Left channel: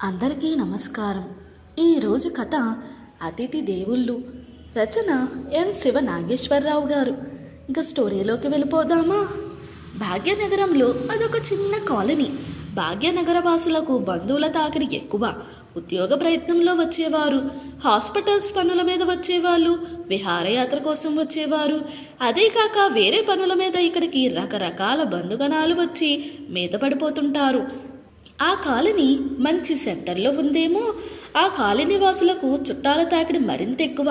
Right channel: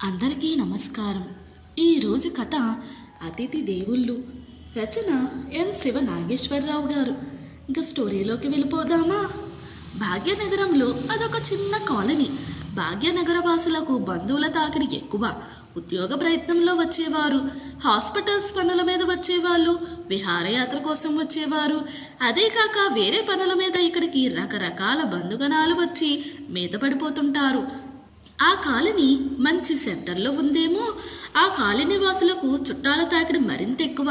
అందరికీ నమస్కారం. ఈరోజు కథ అతిథి దేవుళ్ళు. రచన ఎం శివ నాగేశ్వరరావు గారు. ఇంకా స్టోరీలోకి వెళ్ళిపోదామా? భాగ్యనగరంలో అదొక చిన్న కాలనీ. భాగ్యనగర వాసులకు బంధువుల తాకిడి ఎక్కువ. ఉద్యోగ ప్రయత్నంలో వచ్చేవారు, హాస్పిటల్స్ పనుల మీద వచ్చేవాళ్ళు, విహారయాత్ర కోసం వచ్చేవారు, అదే కాక వేరే పనుల మీద ఇక్కడికి రకరకాల బంధుగణాలు వచ్చి మీద పడిపోతుంటారు. ఆ కాలనీ మంచి సెంటర్లో ఉందేమో. ఆ కాలనీ వాసులకు చుట్టాల తాకిడి మరింత ఎక్కువ.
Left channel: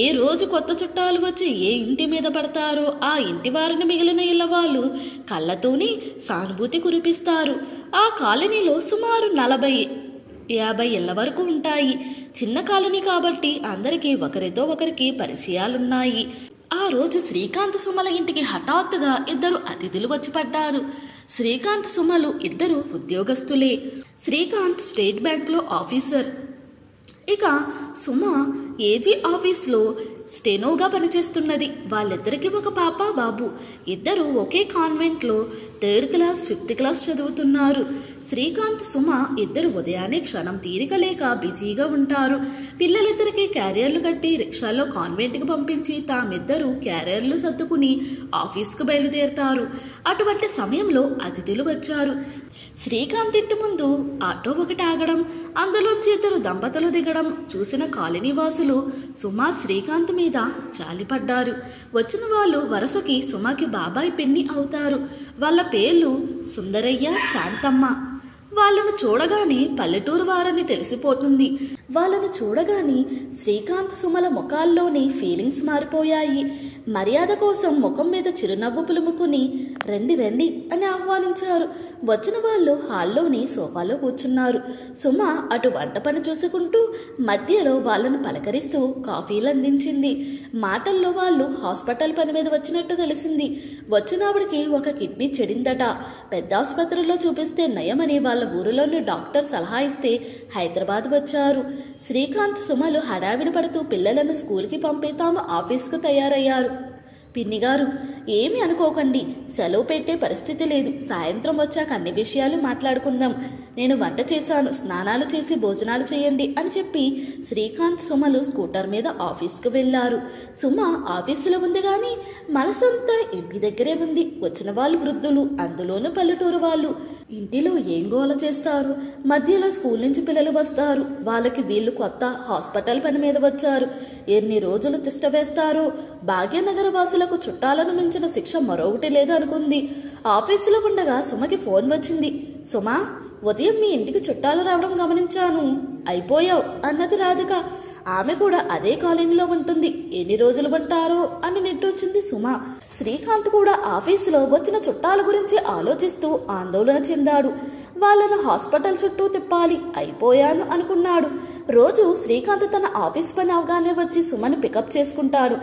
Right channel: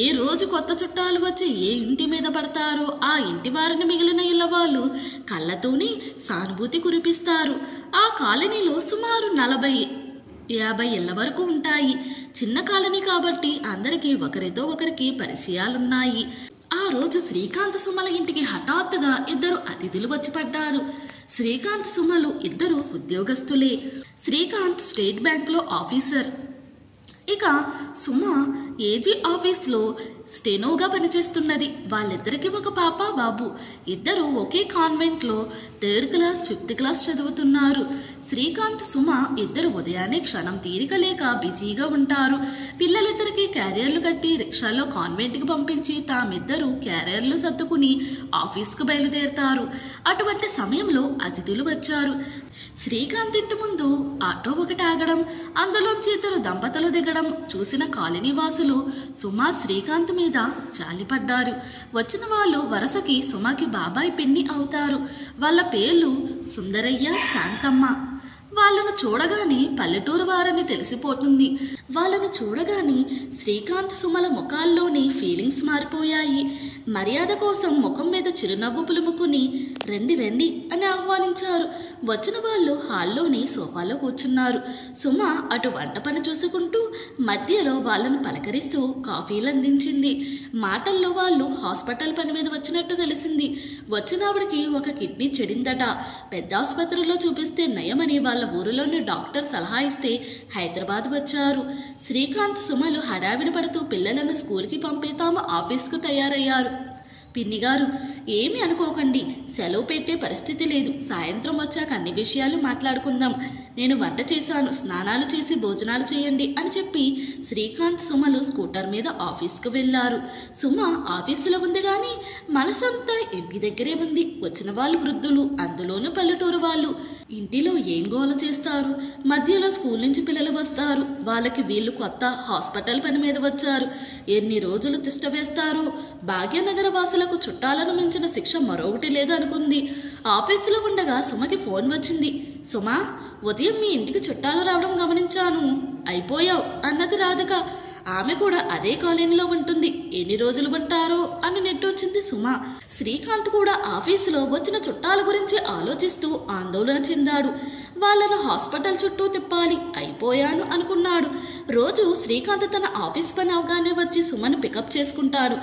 ఏ రోజు కొత్త చుట్టాలు వచ్చి ఏ ఇంటి మీద పడతారో ఆ ఇంటి వారిని మిగిలిన ఇళ్ళ వాళ్ళు కళ్ళతోనే సానుభూతి కురిపిస్తారు. ఆ కాలనీలో సుమారు 40-50 ఇళ్ల వరకు ఉంటాయి. చిన్న కాలనీ కాబట్టి అందరికీ ఒకరితో ఒకరికి పరిచయాలున్నాయి. ఆ రోజు శ్రీకాంత్ సుమల ఇంటికి హఠాత్తుగా 2 అతిథులు వచ్చి పడ్డారు. శ్రీకాంత్ సుమలు ఇద్దరు ఉద్యోగస్తులే. శ్రీకాంత్ స్టేట్ బ్యాంక్లో ఆఫీసర్, ఇక సుమ ఏజీ ఆఫీస్లో స్టెనోగా పనిచేస్తున్నది. వాళ్ళిద్దరికీ ఒక పాప బాబు. ఇద్దరు ఒకే కాన్వెంట్లో 3rd క్లాస్ 5th క్లాస్ చదువుతున్నారు. శ్రీకాంత్ సుమ ఇద్దరు ఉదయాన్నే క్షణం తీరిక లేక బిజీగా ఉంటారు. పిల్లలిద్దరికీ క్యారియర్లు కట్టి రిక్షాలో కాన్వెంట్కి పంపించి తామిద్దరూ క్యారియర్లు సర్దుకుని ఆఫీస్కు బయలుదేరుతారు. అటువంటి సమయంలో అతిథులు వచ్చారు. శ్రీకాంత్ ఇంటి ముందు ఆటో ఒకటి ఆగడం, అందులోంచి 2 దంపతులు దిగడం చూసిన కాలనీ వాసులు సుమ శ్రీకాంత్ మీద జాలిపడ్డారు. వచ్చిన వాళ్ళు వరుసకి సుమకి బాబాయ్ పిన్ని అవుతారు. వాళ్ళ పేర్లు సుందరయ్య, శాంతమ్మ. వాళ్ళను చూడగానే పల్లెటూరు వారని తెలిసిపోతుంది. వాళ్ళను చూడగానే శ్రీకాంత్ సుమల ముఖాల్లోని ఫీలింగ్స్ మారిపోయాయి. మర్యాద కోసం ముఖం మీద చిరునవ్వు పులుముకుని రండి రండి అని ఆహ్వానించారు. వచ్చిన వాళ్ళు హాల్లోని సోఫాలో కూర్చున్నారు. సుమ అటు వంట పని చూసుకుంటూ మధ్యలో వాళ్ళను పలకరిస్తూ కాఫీలు అందించింది. మాటల్లో వాళ్ళు హాస్పిటల్ పని మీద వచ్చినట్టు తెలిసింది. వచ్చినవాడికి ఒక కిడ్నీ చెడిందట. పెద్ద ఆసుపత్రిలో చూపిస్తే నయమని వాళ్ళ ఊరిలోని డాక్టర్ సలహా ఇస్తే హైదరాబాద్ వచ్చారు. శ్రీకాంత్ సుమలు హడావిడి పడుతూ పిల్లలను స్కూల్కి పంపి తాము ఆఫీస్కు తయారయ్యారు. పిన్నిగారు, ఏమి అనుకోకండి, సెలవు పెట్టే పరిస్థితి లేదు. సాయంత్రం వచ్చాక అన్ని విషయాలు మాట్లాడుకుందాం. నేను వంట చేశాను, స్నానాలు చేసి భోజనాలు చేయండి అని చెప్పి శ్రీకాంత్ సుమలు స్కూటర్ మీద ఆఫీస్కు వెళ్ళారు. సుమ ఆఫీసులో ఉంది కానీ మనసంతా ఇంటి దగ్గరే ఉంది. వచ్చిన వాళ్ళు వృద్ధులు, అందులోనూ పల్లెటూరు వాళ్ళు. ఇంటిలో ఏం గోల చేస్తారు? మధ్యలో స్కూల్ నుంచి పిల్లలు వస్తారు. వాళ్ళకి వీళ్ళు కొత్త, హాస్పిటల్ పని మీద వచ్చారు. ఎన్ని రోజులు తిష్ట వేస్తారో. భాగ్యనగర వాసులకు చుట్టాలను మించిన శిక్ష మరొకటి లేదు అనుకుంది. ఆఫీసులో ఉండగా సుమకి ఫోన్ వచ్చింది. సుమా, ఉదయం మీ ఇంటికి చుట్టాలు రావడం గమనించాను. అయిపోయావు అన్నది రాధిక. ఆమె కూడా అదే కాలనీలో ఉంటుంది. ఎన్ని రోజులు ఉంటారో అని నెట్టొచ్చింది సుమ. శ్రీకాంత్ కూడా ఆఫీసులో వచ్చిన చుట్టాల గురించి ఆలోచిస్తూ ఆందోళన చెందాడు. వాళ్ళను హాస్పిటల్ చుట్టూ తిప్పాలి. అయిపోయాను అనుకున్నాడు. రోజు శ్రీకాంత్ తన ఆఫీస్ పని అవగానే వచ్చి సుమను పికప్ చేసుకుంటాడు.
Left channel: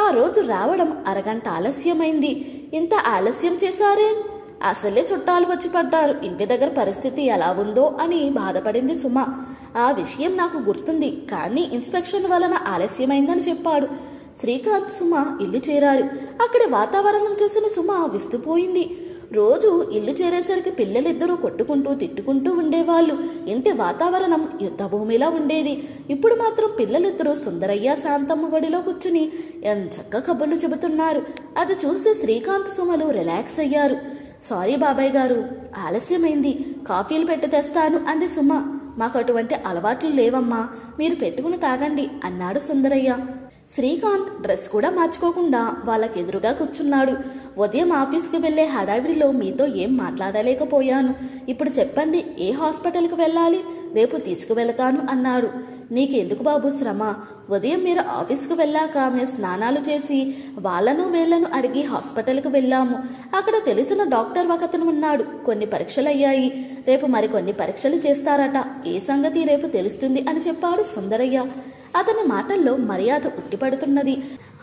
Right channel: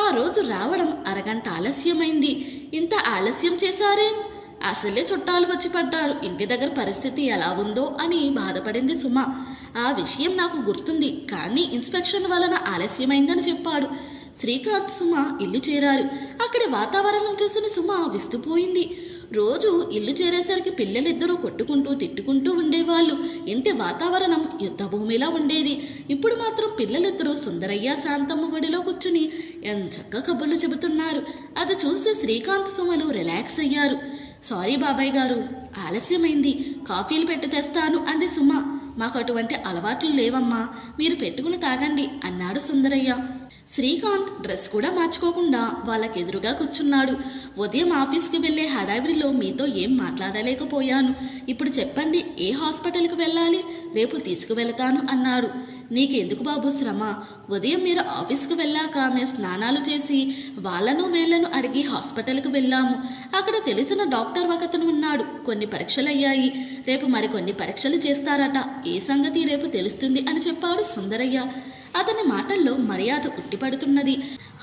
ఆ రోజు రావడం అరగంట ఆలస్యమైంది. ఇంత ఆలస్యం చేశారేం? అసలే చుట్టాలు వచ్చి పడ్డారు. ఇంటి దగ్గర పరిస్థితి ఎలా ఉందో అని బాధపడింది సుమ. ఆ విషయం నాకు గుర్తుంది, కానీ ఇన్స్పెక్షన్ వలన ఆలస్యమైందని చెప్పాడు. శ్రీకాంత్ సుమ ఇల్లు చేరారు. అక్కడి వాతావరణం చూసిన సుమ విస్తుపోయింది. రోజు ఇల్లు చేరేసరికి పిల్లలిద్దరూ కొట్టుకుంటూ తిట్టుకుంటూ ఉండేవాళ్ళు. ఇంటి వాతావరణం యుద్ధభూమిలా ఉండేది. ఇప్పుడు మాత్రం పిల్లలిద్దరూ సుందరయ్య, శాంతమ్మ ఒడిలో కూర్చుని ఎంచక్క కబుర్లు చెబుతున్నారు. అది చూసి శ్రీకాంత్ సుమలు రిలాక్స్ అయ్యారు. సారీ బాబాయ్ గారు, ఆలస్యమైంది. కాఫీలు పెట్టి తెస్తాను అంది సుమ. మాకు అటువంటి అలవాట్లు లేవమ్మా, మీరు పెట్టుకుని తాగండి అన్నాడు సుందరయ్య. శ్రీకాంత్ డ్రెస్ కూడా మార్చుకోకుండా వాళ్ళకెదురుగా కూర్చున్నాడు. ఉదయం ఆఫీస్కి వెళ్ళే హడావిడిలో మీతో ఏం మాట్లాడలేకపోయాను. ఇప్పుడు చెప్పండి, ఏ హాస్పిటల్కి వెళ్ళాలి? రేపు తీసుకువెళతాను అన్నాడు. నీకెందుకు బాబు శ్రమ? ఉదయం మీరు ఆఫీస్కి వెళ్ళాక మేము స్నానాలు చేసి వాళ్ళను వీళ్ళను అడిగి హాస్పిటల్కి వెళ్ళాము. అక్కడ తెలిసిన డాక్టర్ ఒకతను ఉన్నాడు. కొన్ని పరీక్షలు అయ్యాయి. రేపు మరికొన్ని పరీక్షలు చేస్తారట. ఏ సంగతి రేపు తెలుస్తుంది అని చెప్పాడు సుందరయ్య. అతని మాటల్లో మర్యాద ఉట్టిపడుతున్నది.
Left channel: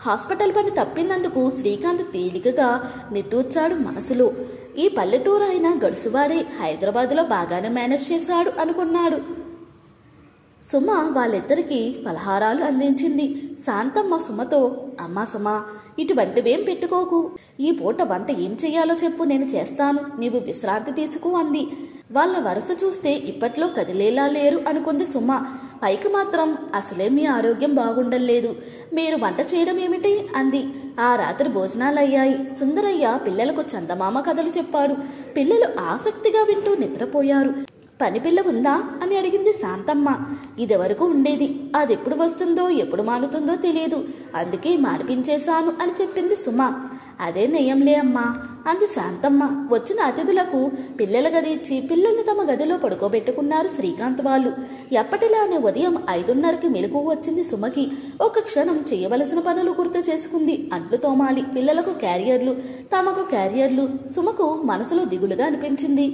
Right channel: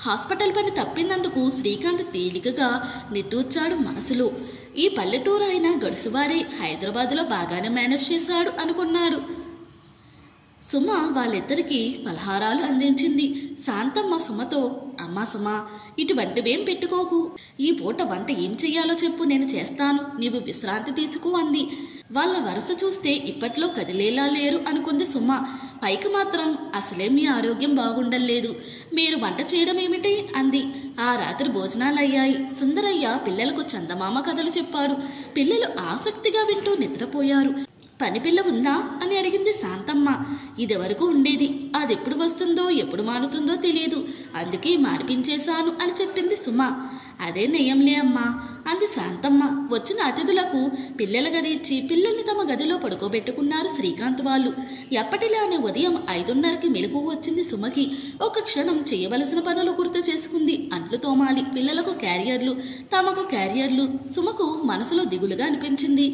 హాస్పిటల్ పని తప్పినందుకు శ్రీకాంత్ తేలికగా నిట్టూర్చాడు మనసులో. ఈ పల్లెటూరు అయినా గడుసువాడే, హైదరాబాదులో బాగానే మేనేజ్ చేశాడు అనుకున్నాడు. సుమ వాళ్ళిద్దరికీ పలహారాలు అందించింది. శాంతమ్మ సుమతో, అమ్మా సుమ, ఇటువంటివేం పెట్టుకోకు. ఈ పూట వంట ఏం చెయ్యాలో చెప్పు, నేను చేస్తాను. నీవు విశ్రాంతి తీసుకో అంది. వాళ్ళ వరుస చూస్తే ఇప్పట్లో కదిలేలా లేరు అనుకుంది సుమ. పైకి మాత్రం అసలే మీ ఆరోగ్యం బాగుండలేదు, మీరు వంట చేయడం ఏమిటి అంది. ఆ రాత్రి భోజనాలయ్యాయి. సుందరయ్య పిల్లలకు చందమామ కథలు చెప్పాడు. పిల్లలు ఆసక్తిగా వింటూ నిద్రపోయారు. పనిపిల్ల ఉందా అని అడిగింది శాంతమ్మ. ఇదివరకు ఉండేది, అదెప్పుడు వస్తుందో ఎప్పుడు మానుతుందో తెలియదు, అందుకే మానిపించేశాను అని చెప్పింది సుమ. అదే నయంలే అమ్మా అంది శాంతమ్మ. వచ్చిన అతిథులకు పిల్లల గది ఇచ్చి పిల్లల్ని తమ గదిలో పడుకోబెట్టుకున్నారు శ్రీకాంత్ వాళ్ళు. ఎప్పటిలానే ఉదయం 5:30కి మెలకువ వచ్చింది సుమకి. ఒక క్షణం చేయవలసిన పనులు గుర్తు చేసుకుంది. అంట్లు తోమాలి, పిల్లలకు క్యారియర్లు, తమకు క్యారియర్లు. సుమకు మనసులో దిగులుగా అనిపించింది.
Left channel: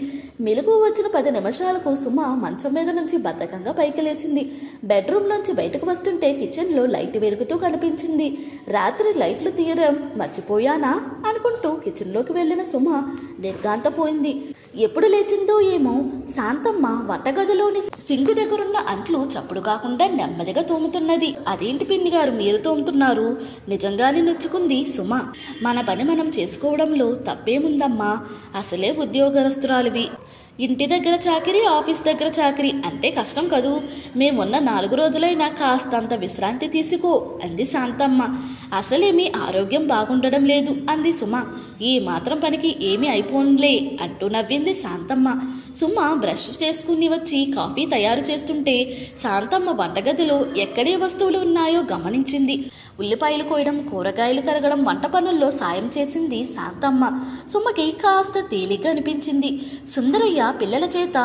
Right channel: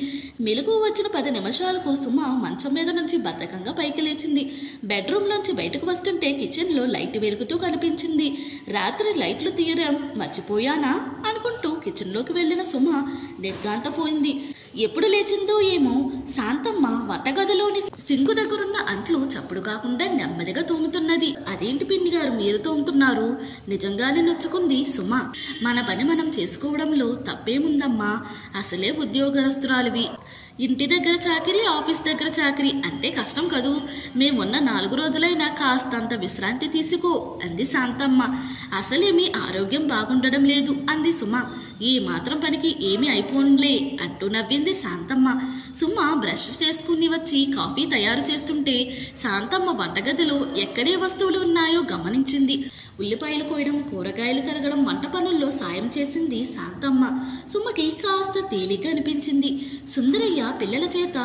మెలకువ వచ్చిన 10 నిమిషాలకు సుమ మంచం మీద నుంచి బద్ధకంగా పైకి లేచింది. బెడ్రూమ్లోంచి బయటకు వస్తుంటే కిచెన్లో లైట్ వెలుగుతూ కనిపించింది. రాత్రి లైట్లు తీయడం మర్చిపోయానా అనుకుంటూ కిచెన్లోకి వెళ్ళిన సుమ నిర్ఘాంతపోయింది. ఎప్పుడు లేచిందో ఏమో. శాంతమ్మ వంటగదిలోని సింకు దగ్గరున్న అంట్లు చప్పుడు కాకుండా నెమ్మదిగా తోముతున్నది. అదేంటి పిన్ని గారు మీరు తోముతున్నారు? నిజంగానే నొచ్చుకుంది సుమ. మన పని మనం చేసుకోవడంలో తప్పేముందమ్మా, అసలే ఉద్యోగస్తురాలివి. ఇంటి దగ్గర చాకిరీ, ఆఫీస్ దగ్గర చాకిరీ అంటే కష్టం కదూ. మేమున్న 4 రోజులైనా కాస్తంత విశ్రాంతి తీసుకో అంది శాంతమ్మ. అసలేమీ ఆరోగ్యం బాగుండడం లేదు అంది సుమ. ఈ మాత్రం పనికి ఏమీ అయిపోన్లే అంటూ నవ్వింది శాంతమ్మ. సుమ బ్రష్ చేసుకుని వచ్చి కాఫీ తయారు చేస్తుంటే శాంతమ్మ వంటగదిలో ఎక్కడే వస్తువులు ఉన్నాయో గమనించింది. ఉల్లిపాయలు కోయడం, కూరగాయలు తరగడం, వంట పనుల్లో సాయం చేసింది శాంతమ్మ. సుమకి కాస్త తేలిక అనిపించింది. సుందరయ్య పిల్లల చేత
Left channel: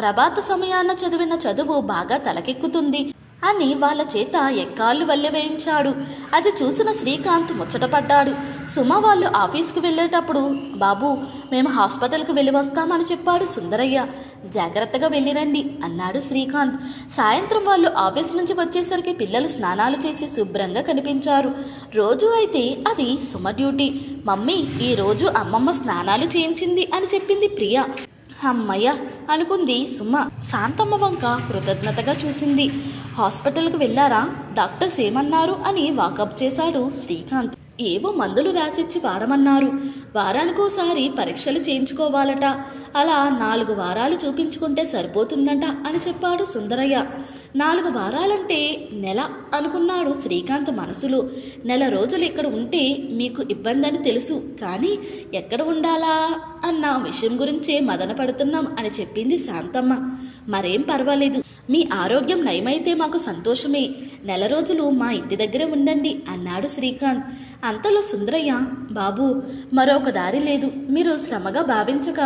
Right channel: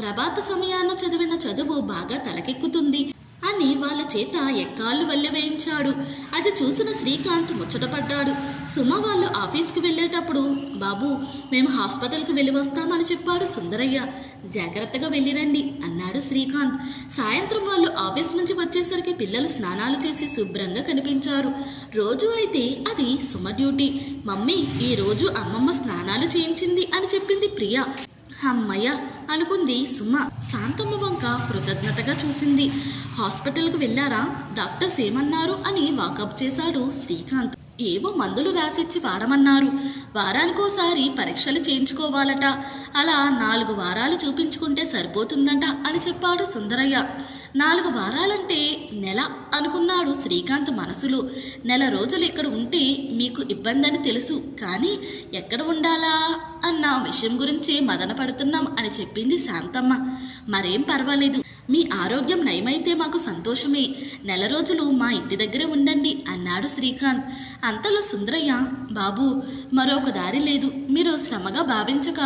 ప్రభాత సమయాన చదివిన చదువు బాగా తలకెక్కుతుంది అని వాళ్ళ చేత ఎక్కాళ్ళు వల్లె వేయించాడు. అది చూసిన శ్రీకాంత్ ముచ్చటపడ్డాడు. సుమ వాళ్ళు ఆఫీస్కి వెళ్ళేటప్పుడు, బాబు మేము హాస్పిటల్కి వెళ్ళి వస్తామని చెప్పాడు సుందరయ్య. జాగ్రత్తగా వెళ్ళిరండి అన్నాడు శ్రీకాంత్. సాయంత్రం వాళ్ళు ఆఫీస్ నుంచి వచ్చేసరికి పిల్లలు స్నానాలు చేసి శుభ్రంగా కనిపించారు. రోజు అయితే అది సుమ డ్యూటీ. మమ్మీ ఈరోజు అమ్మమ్మ స్నానాలు చేయించింది అని చెప్పింది ప్రియ. అమ్మయ్య అనుకుంది సుమ. శాంతమ్మ వంక కృతజ్ఞతగా చూసింది. హాస్పిటల్కి వెళ్ళారా? డాక్టర్స్ ఏమన్నారు అని వాకప్ చేశాడు శ్రీకాంత్. ఏవో మందులు రాసిచ్చి వాడమన్నారు. వారానికోసారి పరీక్షలు చేయించుకోవాలట. అలా 4 వారాలు చూపించుకుంటే సరిపోతుందంట అని చెప్పాడు సుందరయ్య. 4 వారాలంటే నెల అనుకున్నాడు శ్రీకాంత్ మనసులో. నెల రోజులు ఇక్కడ ఉంటే మీకు ఇబ్బంది అని తెలుసు, కానీ ఎక్కడ ఉండాలా అన్న విషయం గురించే మదన పడుతున్నాం అని చెప్పింది శాంతమ్మ. మరేం పర్వాలేదు, మీ ఆరోగ్యం నయమైతే మాకు సంతోషమే. నెల రోజులు మా ఇంటి దగ్గరే ఉండండి అన్నాడు శ్రీకాంత్. అంతలో సుందరయ్య, బాబు మరొక దారి లేదు, మీరు శ్రమగా భావించక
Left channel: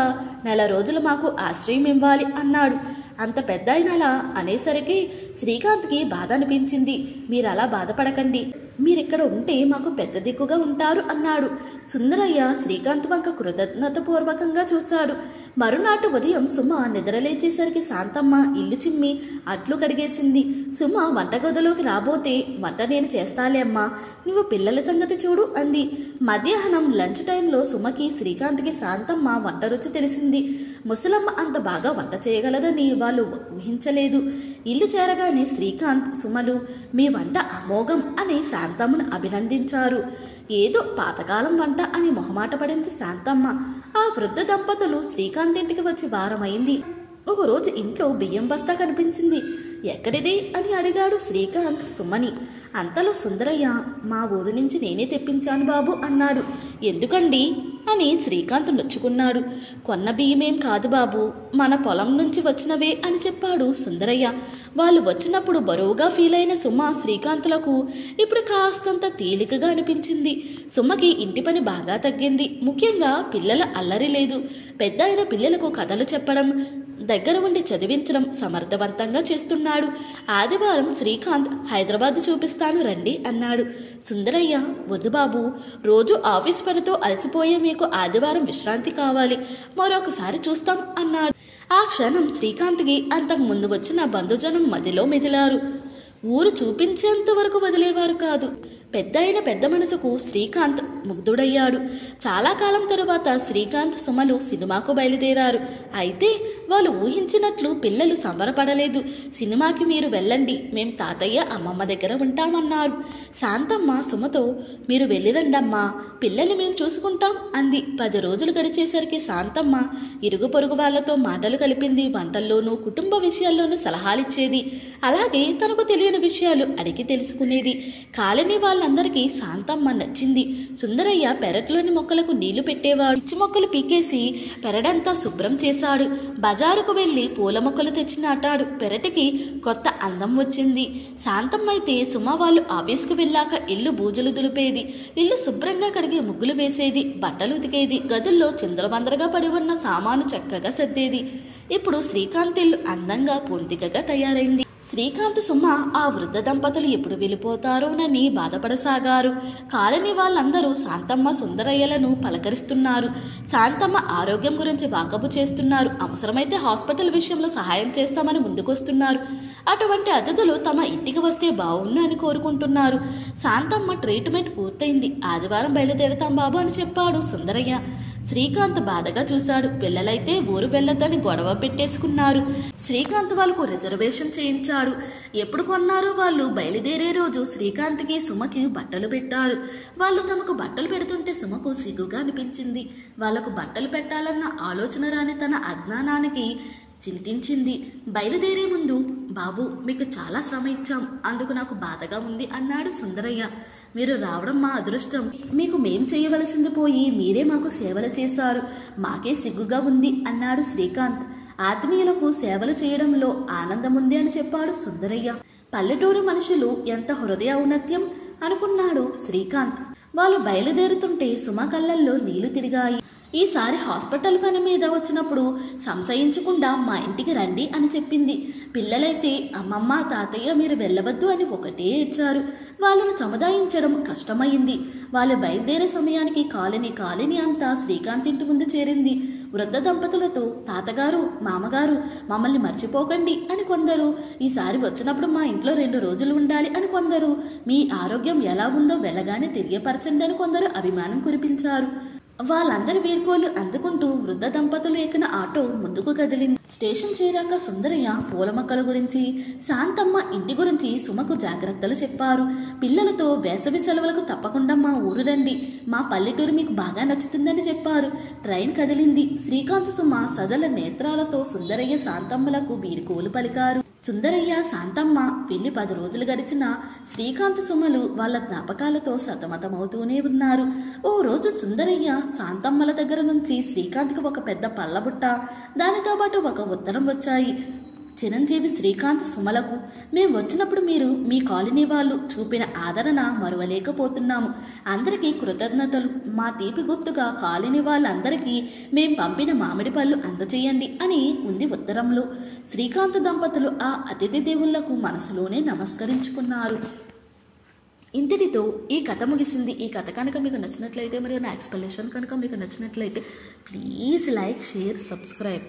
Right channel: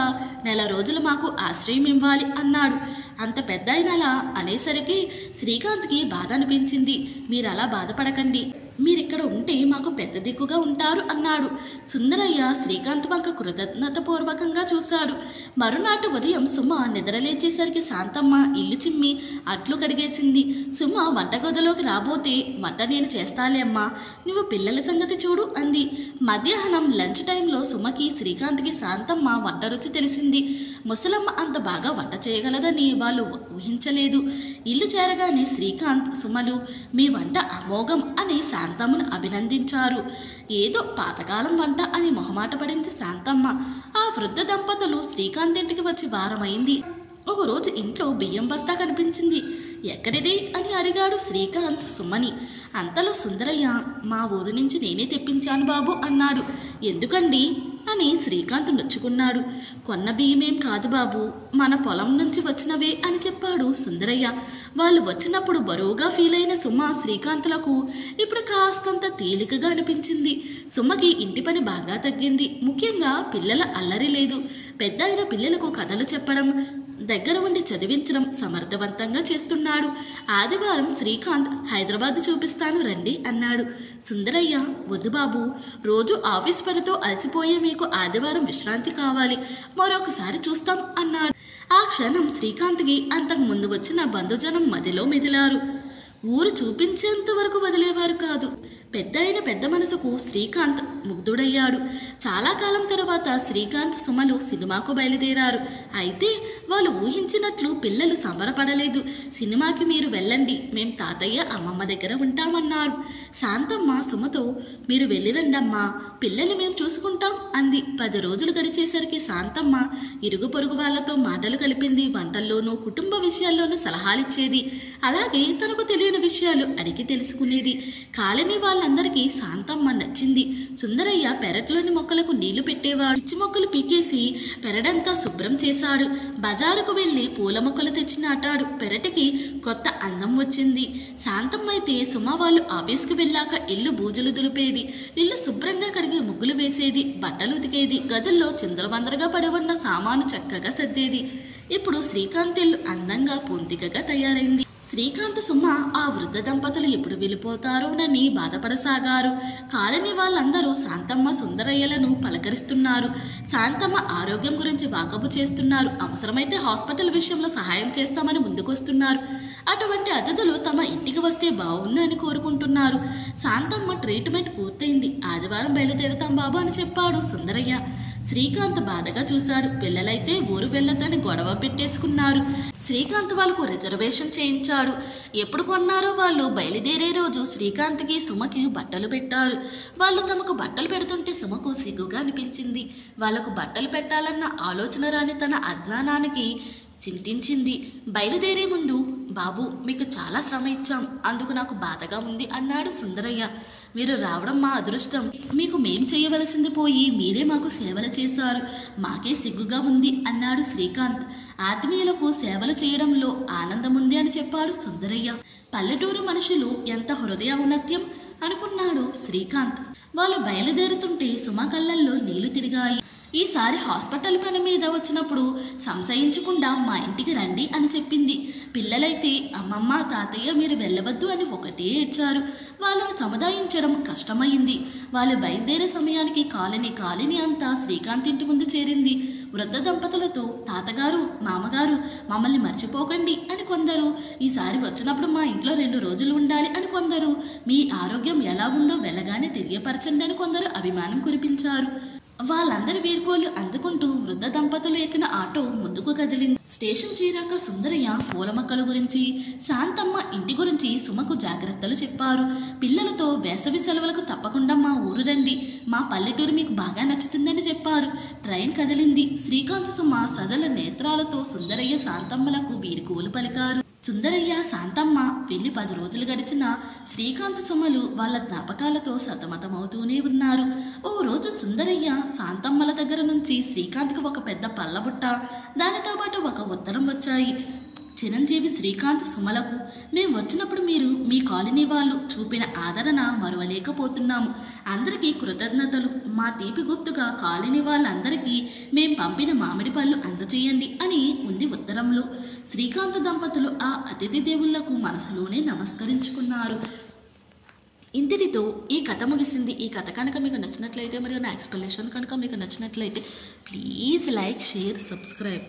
నెల రోజులు మాకు ఆశ్రయం ఇవ్వాలి అన్నాడు. అంత పెద్ద అయినలా అనేసరికి శ్రీకాంత్కి బాధ అనిపించింది. మీరలా బాధపడకండి, మీరిక్కడ ఉంటే మాకు పెద్ద దిక్కుగా ఉంటారు అన్నాడు. సుందరయ్య శ్రీకాంత్ వంక కృతజ్ఞతపూర్వకంగా చూశాడు. మరునాటి ఉదయం సుమ నిద్రలేచేసరికి శాంతమ్మ ఇల్లు చిమ్మి అట్లు కడిగేసింది. సుమ వంటగదిలోకి రాబోతే, వంట నేను చేస్తాలే అమ్మా, నువ్వు పిల్లల సంగతి చూడు అంది. మధ్యాహ్నం లంచ్ టైంలో సుమకి శ్రీకాంత్కి శాంతమ్మ వంట రుచి తెలిసింది. ముసలమ్మ అంత బాగా వంట చేయగలదని వాళ్ళు ఊహించలేదు. ఇల్లు చేరగానే శ్రీకాంత్, సుమలు మీ వంట అమోఘం అని శాంతమ్మను అభినందించారు. ఏదో పాతకాలం వంట అని మొహమాట పడింది శాంతమ్మ. ఆ వృద్ధ దంపతులు శ్రీకాంత్ ఇంటికి వచ్చి వారమైంది. ఒకరోజు ఇంట్లో బియ్యం బస్తా కనిపించింది. ఎక్కడిది అని అడిగాడు శ్రీకాంత్ సుమని. అంతలో సుందరయ్య, మా ఊరు నుంచి నేనే తెప్పించాను బాబు అన్నాడు. ఎందుకండి అని శ్రీకాంత్ నొచ్చుకున్నాడు. కొన్న బియ్యమేం కాదు బాబు, మన పొలం నుంచి వచ్చినవే అని చెప్పాడు సుందరయ్య. వాళ్ళు వచ్చినప్పుడు బరువుగా ఫీల్ అయిన సుమ శ్రీకాంత్లకు ఇప్పుడు కాస్తంత తేలికగా అనిపించింది. సుమకి ఇంటి పని బాగా తగ్గింది. ముఖ్యంగా పిల్లల అల్లరి లేదు. పెద్ద అయిన పిల్లలకు కథలు చెప్పడం, దగ్గర ఉండి చదివించడం సమర్థవంతంగా చేస్తున్నాడు. ఆదివారం శ్రీకాంత్ హైదరాబాద్ చూపిస్తాను రండి అన్నాడు. సుందరయ్య, వద్దు బాబు, రోజు ఆఫీస్ పనితో అలసిపోయే మీకు ఆదివారం విశ్రాంతి కావాలి, మరొకసారి చూస్తాం అన్నాడు. ఆ క్షణం శ్రీకాంత్కి అంతకు ముందు వచ్చిన బంధుజనం మదిలో మెదిలారు. ఊరు చూపించేంత వరకు వదిలేవారు కాదు. పెద్ద మనసుకు శ్రీకాంత్ ముగ్ధుడయ్యాడు. చాలా కాలం తరువాత శ్రీకాంత్ సుమలు సినిమాకు బయలుదేరారు. అయితే వాళ్ళు ఊహించినట్లు పిల్లలు సంబరపడలేదు. సినిమాకి మీరు వెళ్ళండి, మేం తాతయ్య అమ్మమ్మ దగ్గర ఉంటామన్నారు. శాంతమ్మ సుమతో, మీరు వెళ్ళిరండమ్మా, పిల్లల్ని మేము చూసుకుంటాం అంది. 10 రోజులు గడిచేసరికి శాంతమ్మ ఇరుగు పొరుగు వాళ్లతో మాటలు కలిపింది. వంటల్లోనూ కుటుంబ విషయాల్లోనూ సలహాలిచ్చేది. అలాగే తనకు తెలియని విషయాలు అడిగి తెలుసుకునేది. కాలనీ వాళ్ళందరికీ శాంతమ్మ నచ్చింది. సుందరయ్య పెరట్లోని మొక్కలకు నీళ్లు పెట్టేవాడు. పిచ్చి మొక్కలు పీకేసి పెరడంతా శుభ్రం చేశాడు. బజారుకు వెళ్ళి పూల మొక్కలు తెచ్చి నాటాడు. పెరటికి కొత్త అందం వచ్చింది. శాంతమ్మ అయితే సుమ వాళ్ళు ఆఫీస్కి వెళ్ళాక ఇల్లు బూజులు దులిపేది. ఇల్లు శుభ్రంగా కడిగి ముగ్గులు వేసేది, బట్టలు ఉతికేది. గదుల్లో చిందరవందరగా పడి ఉన్న సామాను చక్కగా సర్దేది. ఇప్పుడు శ్రీకాంత్ ఇల్లు అందంగా పొందికగా తయారైంది. శ్రీకాంత్ సుమ ఆ వృద్ధ దంపతులు ఎప్పుడు వెళ్ళిపోతారోనని బాధపడసాగారు. కాలనీ వాళ్ళందరూ శాంతమ్మ సుందరయ్యలను పలకరిస్తున్నారు. శాంతమ్మ ఆరోగ్యం గురించి వాకబు చేస్తున్నారు. అవసరమైతే హాస్పిటల్ విషయంలో సహాయం చేస్తామని ముందుకొస్తున్నారు. అటువంటి అతిథులు తమ ఇంటికి వస్తే బావుండు అని కోరుకుంటున్నారు. శాంతమ్మ ట్రీట్మెంట్ పూర్తయింది. ఆదివారం బయలుదేరుతాం బాబు అని చెప్పాడు సుందరయ్య. శ్రీకాంత్ బాధగా చూశాడు. పిల్లలైతే ఊరు వెళ్ళొద్దని గొడవ పెట్టేసుకున్నారు. శ్రీకాంత్ వాళ్ళకు రిజర్వేషన్ చేయించాడు. ఎప్పుడు కొన్నారో వాళ్ళు బయలుదేరే రోజు శ్రీకాంత్కి సుమకి బట్టలు పెట్టారు. వాళ్ళు తమకు బట్టలు పెడుతుంటే సుమకు సిగ్గుగా అనిపించింది. వాళ్లకు బట్టలు పెట్టాలన్న ఆలోచన రాని తన అజ్ఞానానికి చింతించింది. బయలుదేరే ముందు, బాబు మీకు చాలా శ్రమ ఇచ్చాం, అందుకు నాకు బాధగా ఉంది అన్నాడు సుందరయ్య. మీరు రావడం మా అదృష్టం. మీకు మేం చేయవలసింది పోయి మీరే మాకు సేవలు చేశారు. మాకే సిగ్గుగా ఉంది అన్నాడు శ్రీకాంత్. ఆత్మీయులకు సేవలు చేయడంలో ఆనందముంది అని చెప్పాడు సుందరయ్య. పల్లెటూరు మనుషులు ఎంత హృదయ ఔన్నత్యం అనుకున్నాడు శ్రీకాంత్. వాళ్ళు బయలుదేరుతుంటే సుమ కళ్ళల్లో నీళ్లు తిరిగాయి. ఈసారి హాస్పిటల్ పని మీద వచ్చినప్పుడు సంశయించకుండా మా ఇంటికి రండి అని చెప్పింది. పిల్లలైతే అమ్మమ్మ తాతయ్య మీరు వెళ్ళవద్దు అని ఒకటే ఏడ్చారు. వాళ్ళను సముదాయించడం కష్టమైంది. వాళ్ళు బయలుదేరే సమయానికి కాలనీ అంతా శ్రీకాంత్ ఇంటి ముందు చేరింది. వృద్ధ దంపతులతో, తాతగారు మామగారు మమ్మల్ని మర్చిపోకండి అని కొందరు, ఈసారి వచ్చినప్పుడు మా ఇంట్లో 2 రోజులు ఉండాలి అని కొందరు, మీ ఆరోగ్యం ఎలా ఉందో వెళ్ళగానే తెలియపరచండి అని కొందరు అభిమానం కురిపించారు. వాళ్ళందరి వీడ్కోలు అందుకుంటూ వృద్ధ దంపతులు ఎక్కిన ఆటో ముందుకు కదిలింది. స్టేషన్ చేరాక సుందరయ్య పూల మొక్కల గురించి, శాంతమ్మ ఇంటి గురించి సుమకు జాగ్రత్తలు చెప్పారు. పిల్లలతో వేసవి సెలవులకు తప్పకుండా మా ఊరు రండి, మా పల్లెటూరు మీకు బాగా నచ్చుతుందని చెప్పారు. ట్రైన్ కదిలింది. శ్రీకాంత్ సుమ సజల నేత్రాలతో సుందరయ్య శాంతమ్మలకు వీడ్కోలు పలికారు. సుందరయ్య శాంతమ్మ వెళ్ళి 10 రోజులు గడిచినా శ్రీకాంత్ సుమలు వాళ్ళ జ్ఞాపకాలతో సతమతమవుతూనే ఉన్నారు. ఓ రోజు సుందరయ్య శాంతమ్మల దగ్గర నుంచి శ్రీకాంత్కి ఒక పెద్ద పళ్ళబుట్ట, దానితో పాటు ఒక ఉత్తరం వచ్చాయి. చిరంజీవి శ్రీకాంత్ సుమలకు, మేము వచ్చినప్పుడు మీరు మీ కాలనీ వాళ్ళు చూపిన ఆదరణ మరువలేకపోతున్నాము. అందరికీ కృతజ్ఞతలు. మా తీపి గుర్తుగా కాలనీ వాళ్ళందరికీ మేం పంపిన మామిడి పళ్ళు అందచేయండి అని ఉంది ఉత్తరంలో. శ్రీకాంత్ దంపతులు ఆ అతిథి దేవుళ్లకు మనసులోనే నమస్కరించుకున్నారు. ఇంతటితో ఈ కథ ముగిసింది. ఈ కథ కనుక మీకు నచ్చినట్లయితే మరియు నా ఎక్స్ప్లెనేషన్ కనుక మీకు నచ్చినట్లయితే ప్లీజ్ లైక్, షేర్, సబ్స్క్రైబ్.